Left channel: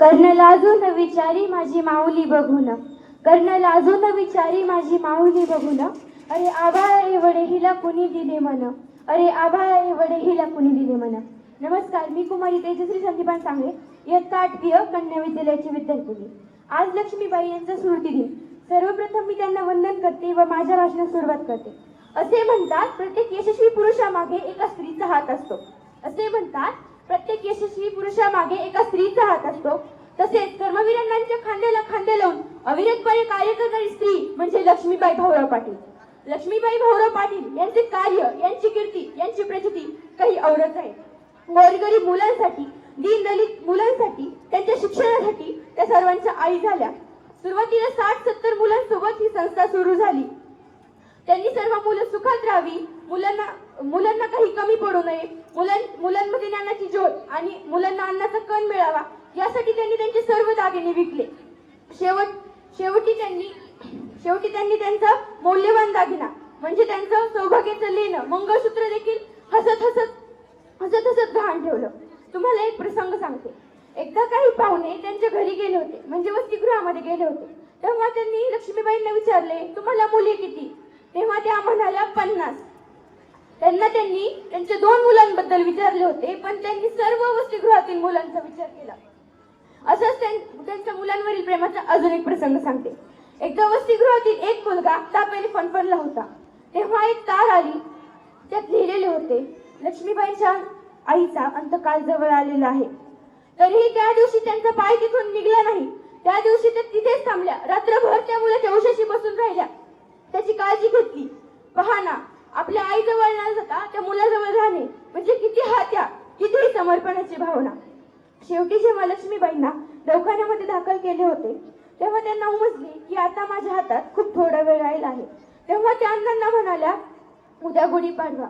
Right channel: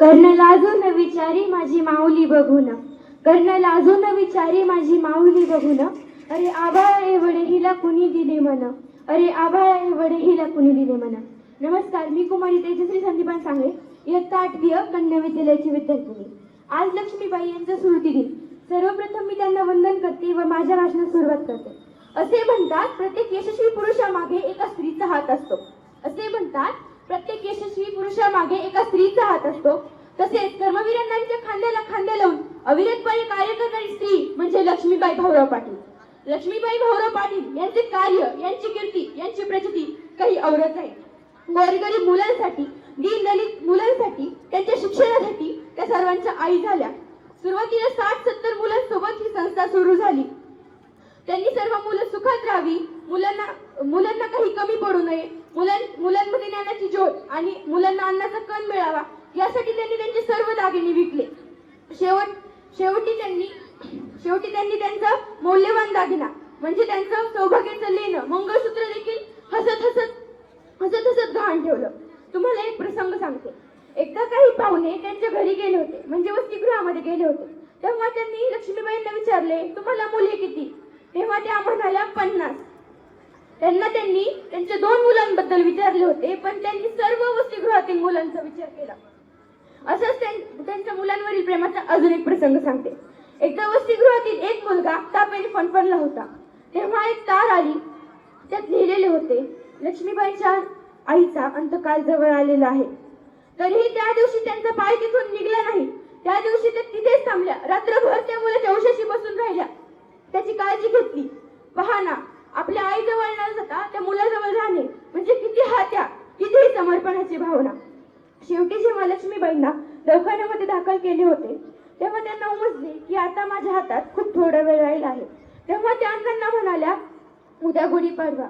कर्ण लाजून विचारी माझी माऊली बघून, कर्ण लाजून विचारी माझी माऊली बघून, अरे आभाळ एवढे हिला कुणी दिले मन, अरे आभाळ एवढे हिला कुणी दिले मन. नमस्कार, मी कुमारी तेजश्री संदीपान सांगळे, इयत्ता 8वी कन्या विद्यालयाची विद्यार्थिनी. आज लक्ष्मीबाई यांचा स्मृती दिन. सर्वप्रथम मी त्यांना वंदन करते व माझ्या भाषणास सुरुवात करते. असे म्हणतात, प्रत्येक यशस्वी पुरुषामागे एका स्त्रीचा हात असतो. असे म्हणतात, प्रत्येक यशस्वी पुरुषामागे एका स्त्रीचा हात असतो. तसेच कर्मवीरांच्या खांद्याला खांदे लावून अविरतपणे कार्य करणारी स्त्री म्हणजे लक्ष्मीबाई भाऊराव पाटील. लक्ष्मीबाई भाऊराव पाटील यांचे कार्य, यांची कीर्ती, यांची प्रचिती काही औरच आहे. गोरगरीब मुलांसाठी, दीनदलित मुलांसाठी, त्यांच्या शिक्षणासाठी त्या सर्वांच्या आई झाल्या. सुरुवातीला 60-70 मुलांसोबत ही संस्था सुरू झाली. त्यांनी सर्व मुलं सुखात राहावी, मुलांना काही कमी पडू नये, मुलांमध्ये ज्ञानाची जोड आणि मुलांना अन्नाचा कण मिळावा यासाठी त्यांनी त्यांचे सर्व दागिने विकले. शेवटी त्यांनी त्यांचा मौल्यवान दागिना म्हणजे त्यांचं सौभाग्याचं लेणं मंगळसूत्र देखील हसत गहाण ठेवलं. तुम्हाला एक प्रसंग सांगते. एकदा काही पाहुणे त्यांच्या घरी गेले होते, म्हणजे वसतिगृहामध्ये गेले होते. तेव्हा त्यांनी लक्ष्मीबाईंना विचारले, तुम्हाला मुले किती? तेव्हा त्या म्हणाल्या 50. त्यांनी त्यांच्या 2 मुलांबद्दल विचारले होते, पण त्यांनी सर्व वसतिगृहातील मुलांचा विचार केला. असंच त्यांच्या मुलांवरील प्रेमाचा अजून एक प्रसंग सांगते. एकदा वसतिगृहातील एक मुलगा तापेने फणफणला होता. तेव्हा एक तार आली, त्यात लिहिलेले होते, लक्ष्मीबाईंच्या आईचा अंतकाल जवळ आलेला आहे. तरीही त्या दिवशी त्यांचा पाय तिथून निघला नाही. त्या दिवशी त्या तिथेच थांबल्या. रात्रभर त्या मुलाच्या उशाशी बसून राहिल्या, त्याची काळजी घेतली. पहा ना, आपल्या आईजवळ न जाता त्या मुलाजवळ राहणे म्हणजे किती समर्पणाची भावना. शेवटी जेव्हा लक्ष्मीबाईंना दवाखान्यामध्ये दाखल केले होते, तेव्हा त्यांना उमजले की आता माझ्या हातात खूप थोडा वेळ राहिला आहे. तेव्हा त्या अण्णांना म्हणाल्या, उद्या गुढीपाडवा,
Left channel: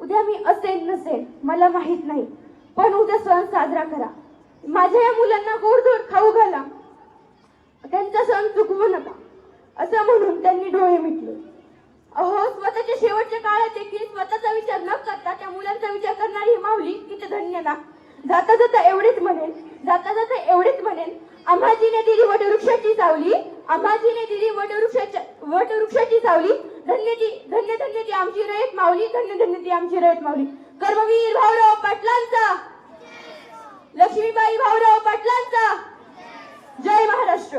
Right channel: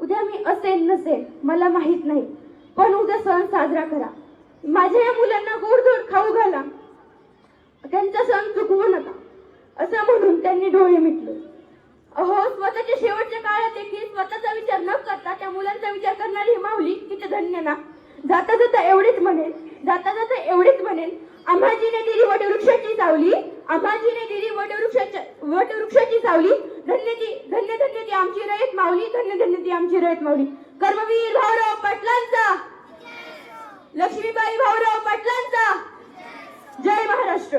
उद्या मी असेल नसेल मला माहित नाही, पण उद्या सण साजरा करा. माझ्या या मुलांना गोडधोड खाऊ घाला, त्यांचा सण चुकवू नका, असं म्हणून त्यांनी डोळे मिटले. अहो, स्वतःच्या शेवटच्या काळात देखील स्वतःचा विचार न करता त्या मुलांचा विचार करणारी ही माऊली किती धन्य ना. जाता जाता एवढेच म्हणेन, आम्हाजीने दिली वटवृक्षाची सावली, आम्हाजीने दिली वटवृक्षाची सावली, धन्य ती आमची रयत माऊली, धन्य ती आमची रयत माऊली. कर्मवीर भाऊराव पाटलांचा, लक्ष्मीबाई भाऊराव पाटलांचा जय महाराष्ट्र.